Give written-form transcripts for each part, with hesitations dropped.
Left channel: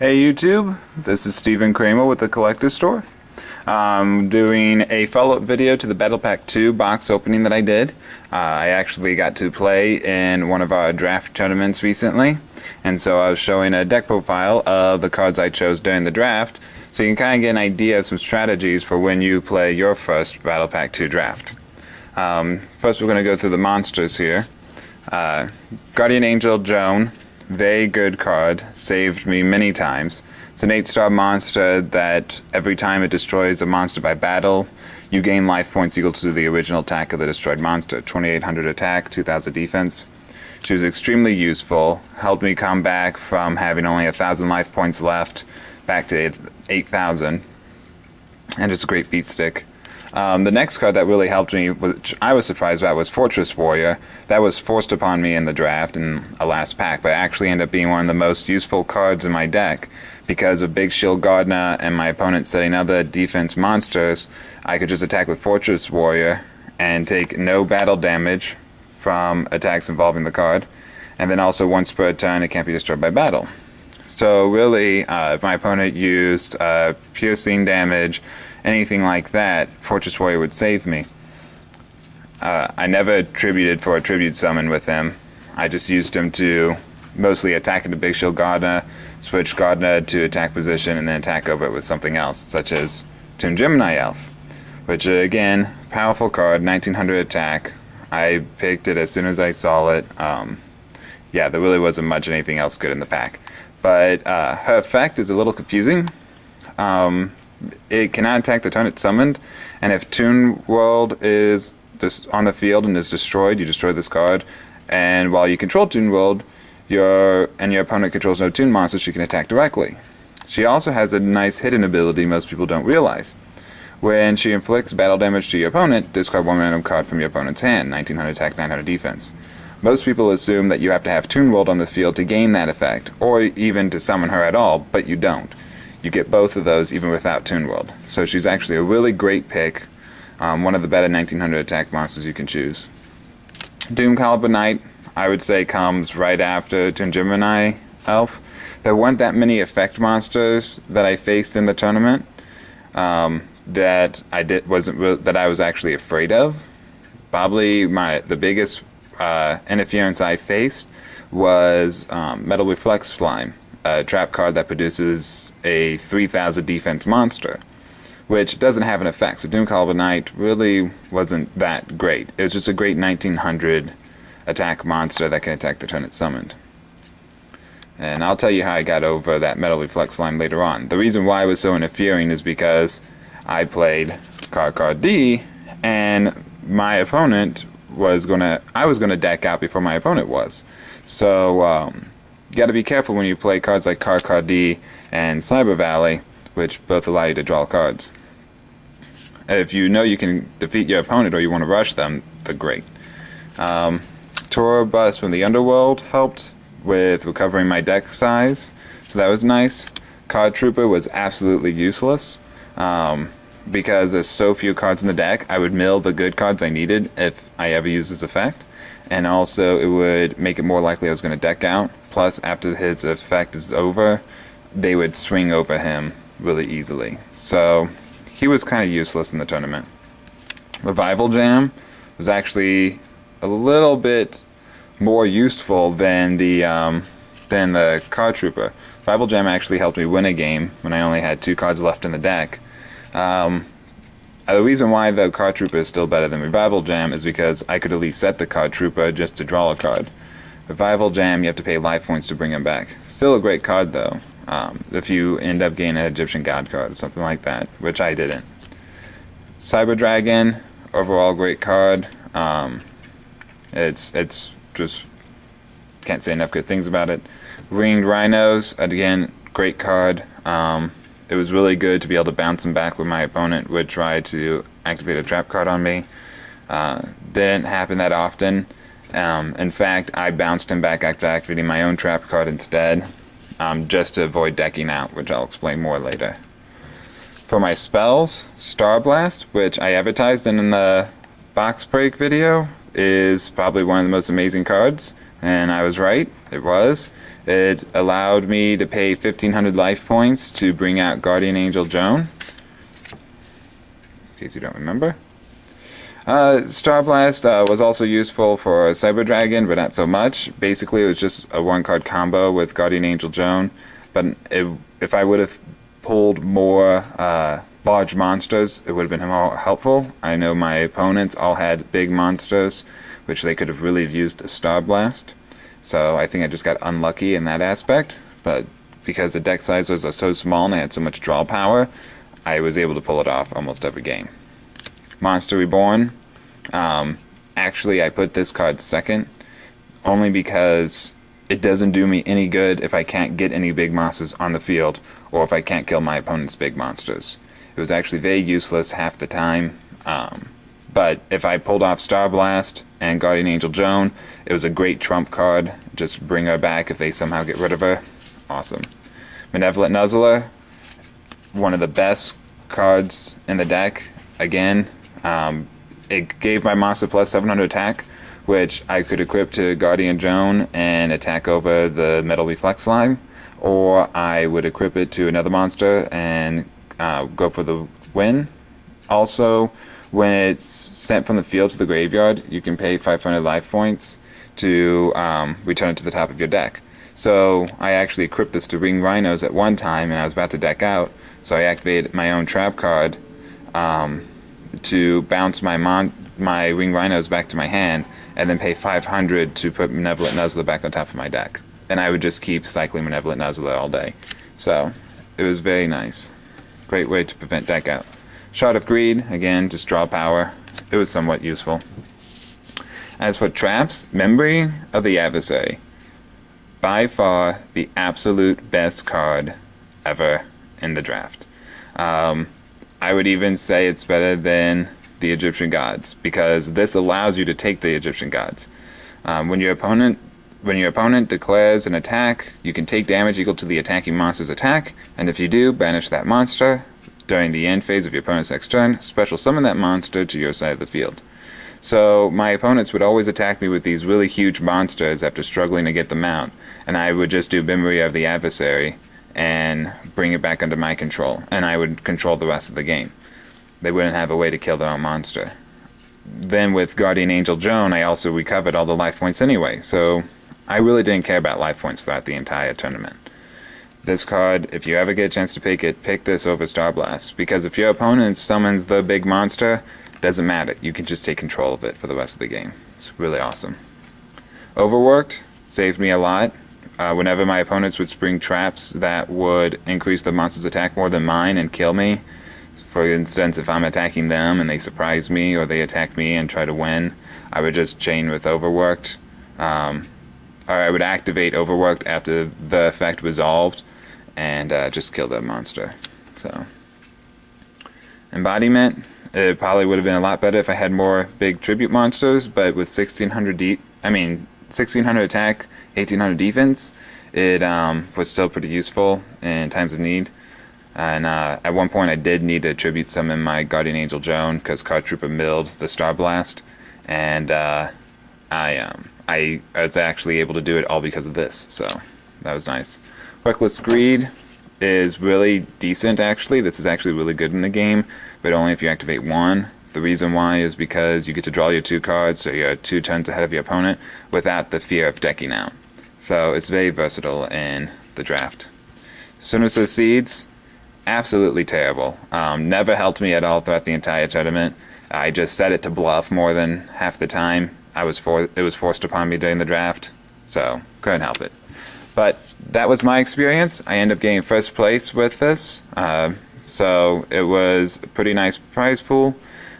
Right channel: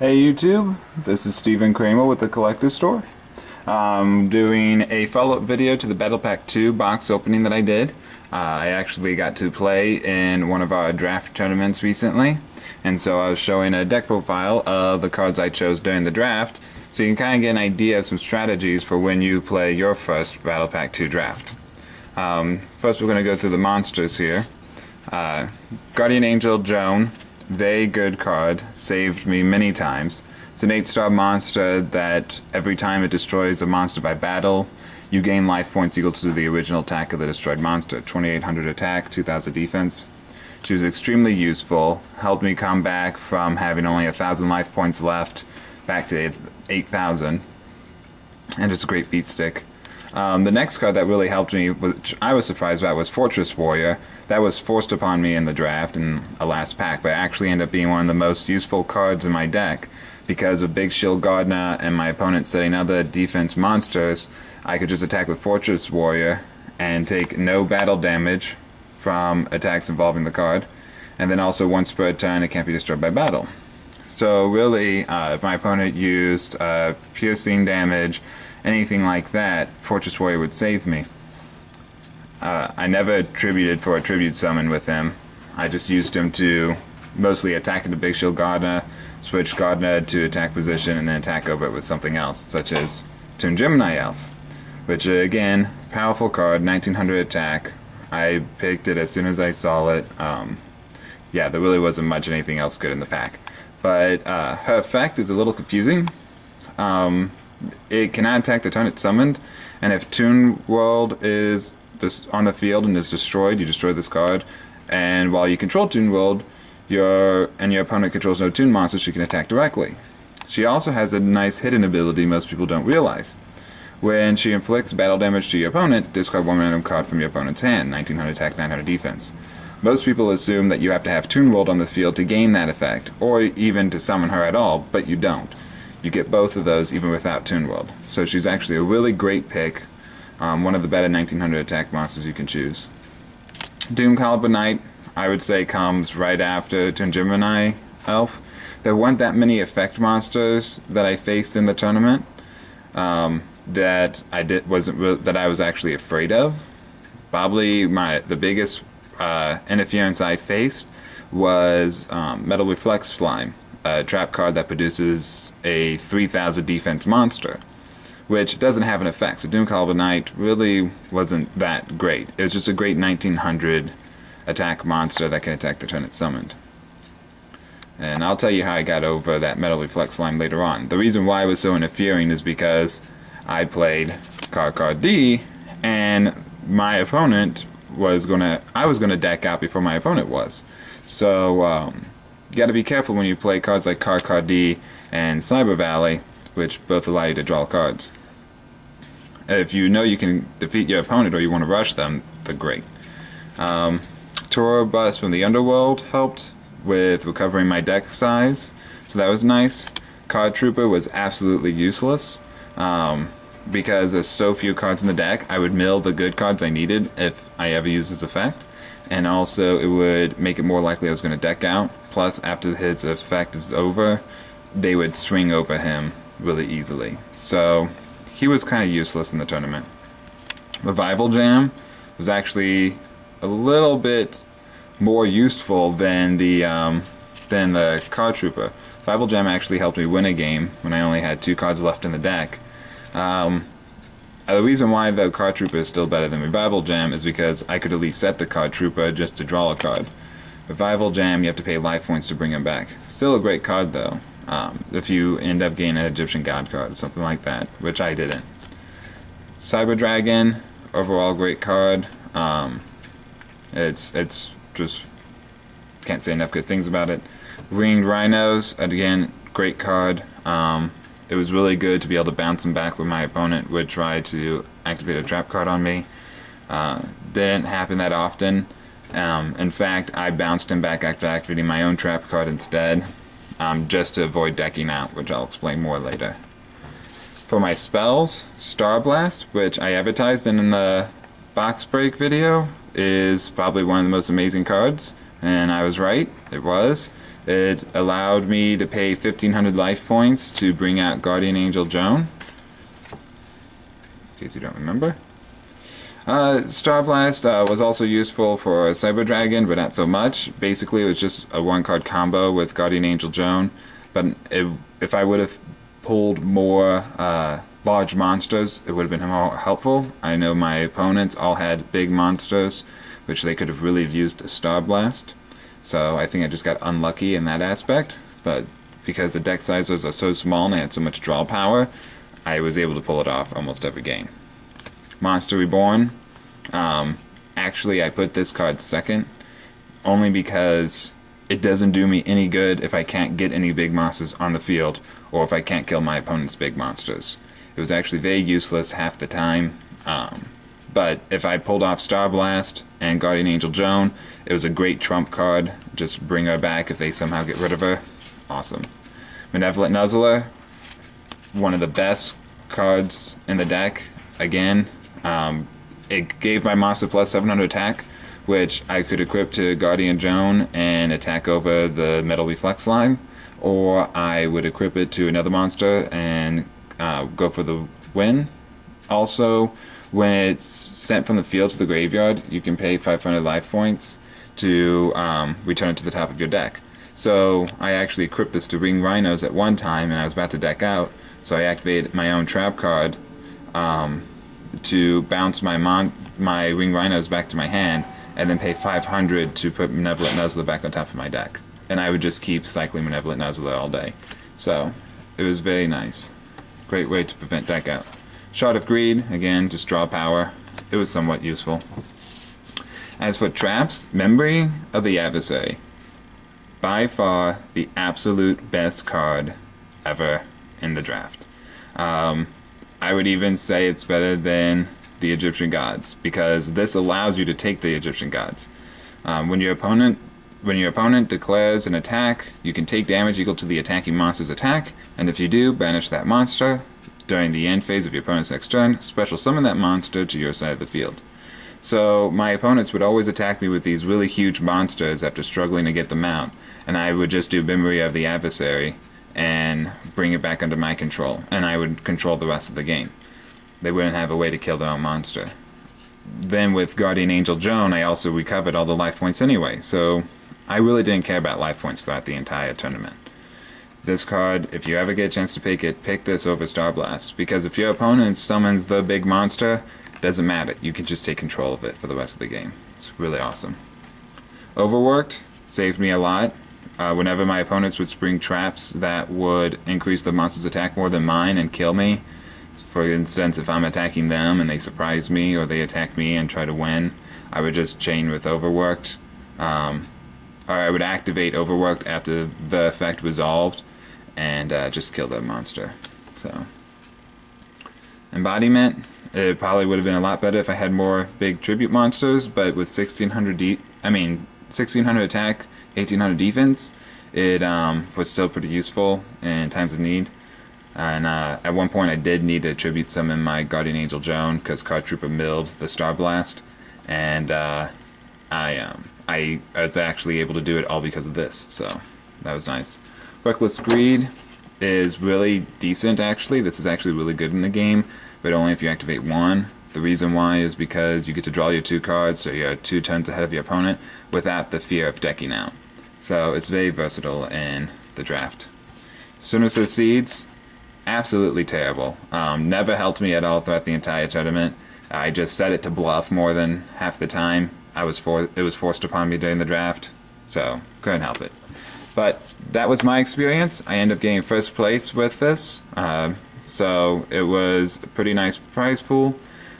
Hey YouTube, this is Stephen Kramer with the Collector Store. I'm doing a follow-up video to the Battle Pack 2 box opening that I did. I actually got to play in one of our draft tournaments recently, and so I was showing a deck profile of the cards I chose during the draft, so you can kind of get an idea of some strategies for when you play your first Battle Pack 2 draft. First we're going to go through the monsters here. Guardian Angel Joan. Very good card, saved me many times. It's an 8-star monster that every time it destroys a monster by battle, you gain life points equal to the original attack of the destroyed monster. 2800 attack, 2000 defense. She was extremely useful, helped me come back from having only 1000 life points left back to 8000, and just a great beat stick. The next card that really helped me, which I was surprised about, was Fortress Warrior. That was forced upon me in the draft in a last pack, but actually ended up being one of the most useful cards in my deck. Because of Big Shield Gardner and my opponent setting other defense monsters, I could just attack with Fortress Warrior and take no battle damage from attacks involving the card. And then also once per turn, it can't be destroyed by battle. So really, if my opponent used piercing damage, anything like that, Fortress Warrior would save me. I never tributed for a tribute summon with him. I just used him to mostly attack into Big Shield Gardner, switch Gardner to attack position, and then attack over it with something else, such as Toon Gemini Elf, which again, powerful card, 1900 attack. I picked it as soon as I saw it. Yeah, there really wasn't much anything else good in the pack. But her effect is a little confusing. It cannot attack the turn it's summoned, and if Toon World is on the field and is destroyed, you destroy this card, and while you control Toon World, your opponent controls no Toon monsters, she can attack directly. She also has a nice hidden ability most people don't realize. When she inflicts battle damage to your opponent, discard one random card from your opponent's hand, 1900 attack, 900 defense. Most people assume that you have to have Toon World on the field to gain that effect, or even to summon her at all, but you don't. You get both of those even without Toon World. So she's actually a really great pick. One of the better 1900 attack monsters you can choose. Doom Caliber Knight, I would say, comes right after Toon Gemini Elf. There weren't that many effect monsters that I faced in the tournament that I was actually afraid of. Probably the biggest interference I faced was Metal Reflex Slime, a trap card that produces a 3000 defense monster, which doesn't have an effect. So Doom Caliber Knight really wasn't that great. It was just a great 1900 attack monster that can attack the turn it's summoned. And I'll tell you how I got over that Metal Reflex Slime later on. The reason why it was so interfering is because I played Card D, and my opponent I was gonna deck out before my opponent was. So you got to be careful when you play cards like Card D and Cyber Valley, which both allow you to draw cards. If you know you can defeat your opponent or you want to rush them, they're great. Tora Bus from the Underworld helped with recovering my deck size, so that was nice. Card Trooper was absolutely useless. Because there's so few cards in the deck, I would mill the good cards I needed if I ever used this effect. And also it would make it more likely I was going to deck out. Plus, after his effect is over, they would swing over him really easily. So he was kind of useless in the tournament. Revival Jam was actually a little bit more useful than the Card Trooper. Revival Jam actually helped me win a game when I only had 2 cards left in the deck. The reason why the Card Trooper is still better than Revival Jam is because I could at least set the Card Trooper just to draw a card. Revival Jam, you have to pay life points to bring him back. Still a great card though, if you end up getting an Egyptian God card or something like that, which I didn't. Cyber Dragon, overall great card. It's just, can't say enough good things about it. Winged Rhinos, again, great card. It was really good to be able to bounce him back when my opponent would try to activate a trap card on me. Didn't happen that often. In fact, I bounced him back after activating my own trap card instead, just to avoid decking out, which I'll explain more later. For my spells, Star Blast, which I advertised in the box break video, is probably one of the most amazing cards. and I was right. It was. It allowed me to pay 1,500 life points to bring out Guardian Angel Joan, in case you don't remember. Star Blast was also useful for Cyber Dragon, but not so much. Basically, it was just a one-card combo with Guardian Angel Joan, but if I would have pulled more large monsters, it would have been more helpful. I know my opponents all had big monsters, which they could have really used a Star Blast. So I think I just got unlucky in that aspect, but because the deck sizes are so small and I had so much draw power, I was able to pull it off almost every game. Monster Reborn. Actually, I put this card second, only because it doesn't do me any good if I can't get any big monsters on the field, or if I can't kill my opponent's big monsters. It was actually very useless half the time. But if I pulled off Star Blast and Guardian Angel Joan, it was a great trump card. Just bring her back if they somehow get rid of her. Awesome. Malevolent Nuzzler, one of the best cards in the deck. Again, it gave my monster plus 700 attack, which I could equip to Guardian Joan and attack over the Metal Reflex Slime, or I would equip it to another monster and go for the win. Also, when it's sent from the field to the graveyard, you can pay 500 life points to return it to the top of your deck. So I actually equipped this to Ring Rhinos at one time, and I was about to deck out, so I activated my own trap card to bounce my Ring Rhinos back to my hand, and then pay 500 to put Malevolent Nuzzler back on top of my deck. And I would just keep cycling Malevolent Nuzzler all day. So it was very nice. Great way to prevent deck out. Shard of Greed, again, just draw power. It was somewhat useful. As for traps, Memory of the Adversary. By far the absolute best card ever in the draft. I would even say it's better than the Egyptian Gods, because this allows you to take the Egyptian Gods. When your opponent declares an attack, you can take damage equal to the attacking monster's attack, and if you do, banish that monster. During the end phase of your opponent's next turn, special summon that monster to your side of the field. So my opponents would always attack me with these really huge monsters after struggling to get them out, and I would just do Memory of the Adversary and bring it back under my control, and I would control the rest of the game. They wouldn't have a way to kill their own monster. Then with Guardian Angel Joan, I also recovered all the life points anyway, so I really didn't care about life points throughout the entire tournament. This card, if you ever get a chance to pick it, pick this over Star Blast, because if your opponent summons the big monster, doesn't matter. You can just take control of it for the rest of the game. It's really awesome. Overworked saved me a lot. Whenever my opponents would spring traps that would increase the monster's attack more than mine and kill me, for instance, if I'm attacking them and they surprise me, or they attack me and try to win, I would just chain with Overworked. Or I would activate Overworked after the effect resolved, and just kill that monster. So, Embodiment, it probably would have been a lot better if I had more big tribute monsters, but with 1600 attack, 1800 defense, it was still pretty useful in times of need. And at one point I did need to tribute summon my Guardian Angel Joan, because Card Trooper milled the Star Blast, and I was actually able to do it all because of this, so that was nice. Reckless Greed is really decent, actually. This is actually really good in the game, but only if you activate one. The reason why is because you get to draw your 2 cards, so you're 2 turns ahead of your opponent, without the fear of decking out. So it's very versatile in the draft. Sinister Seeds, absolutely terrible. Never helped me at all throughout the entire tournament. I just set it to bluff more than half the time. It was forced upon me during the draft, so couldn't help it. But that was my experience. I ended up getting first place with this, so it was a pretty nice prize pool,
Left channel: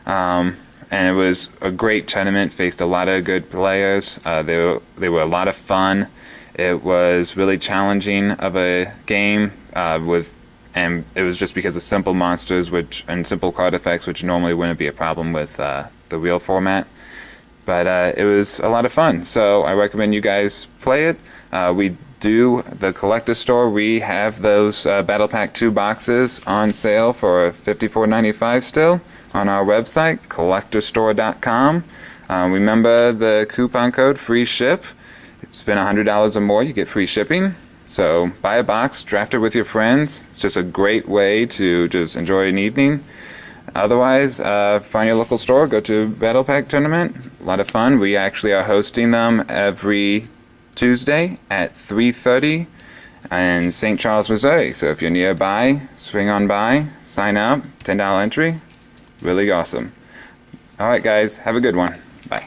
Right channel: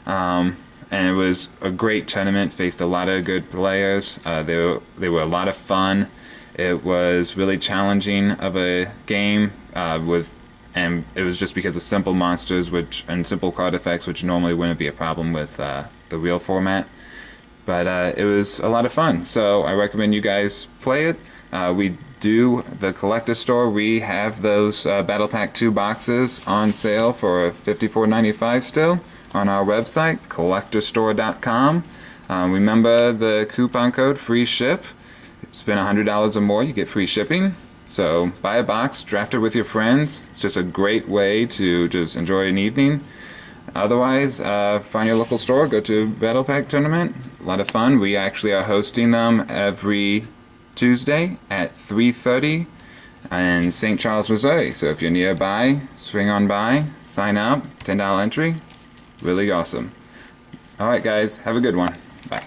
and it was a great tournament. Faced a lot of good players. They were a lot of fun. It was really challenging of a game and it was just because of simple monsters and simple card effects, which normally wouldn't be a problem with the real format. But it was a lot of fun, so I recommend you guys play it. We do the collector store. We have those Battle Pack 2 boxes on sale for $54.95 still on our website, collectorstore.com. Remember the coupon code free ship. spend $100 or more, you get free shipping. So buy a box, draft it with your friends. It's just a great way to just enjoy an evening. Otherwise, find your local store, go to Battle Pack Tournament. A lot of fun. We actually are hosting them every Tuesday at 3:30 in St. Charles, Missouri. So if you're nearby, swing on by, sign up, $10 entry. Really awesome. Alright guys, have a good one. Bye.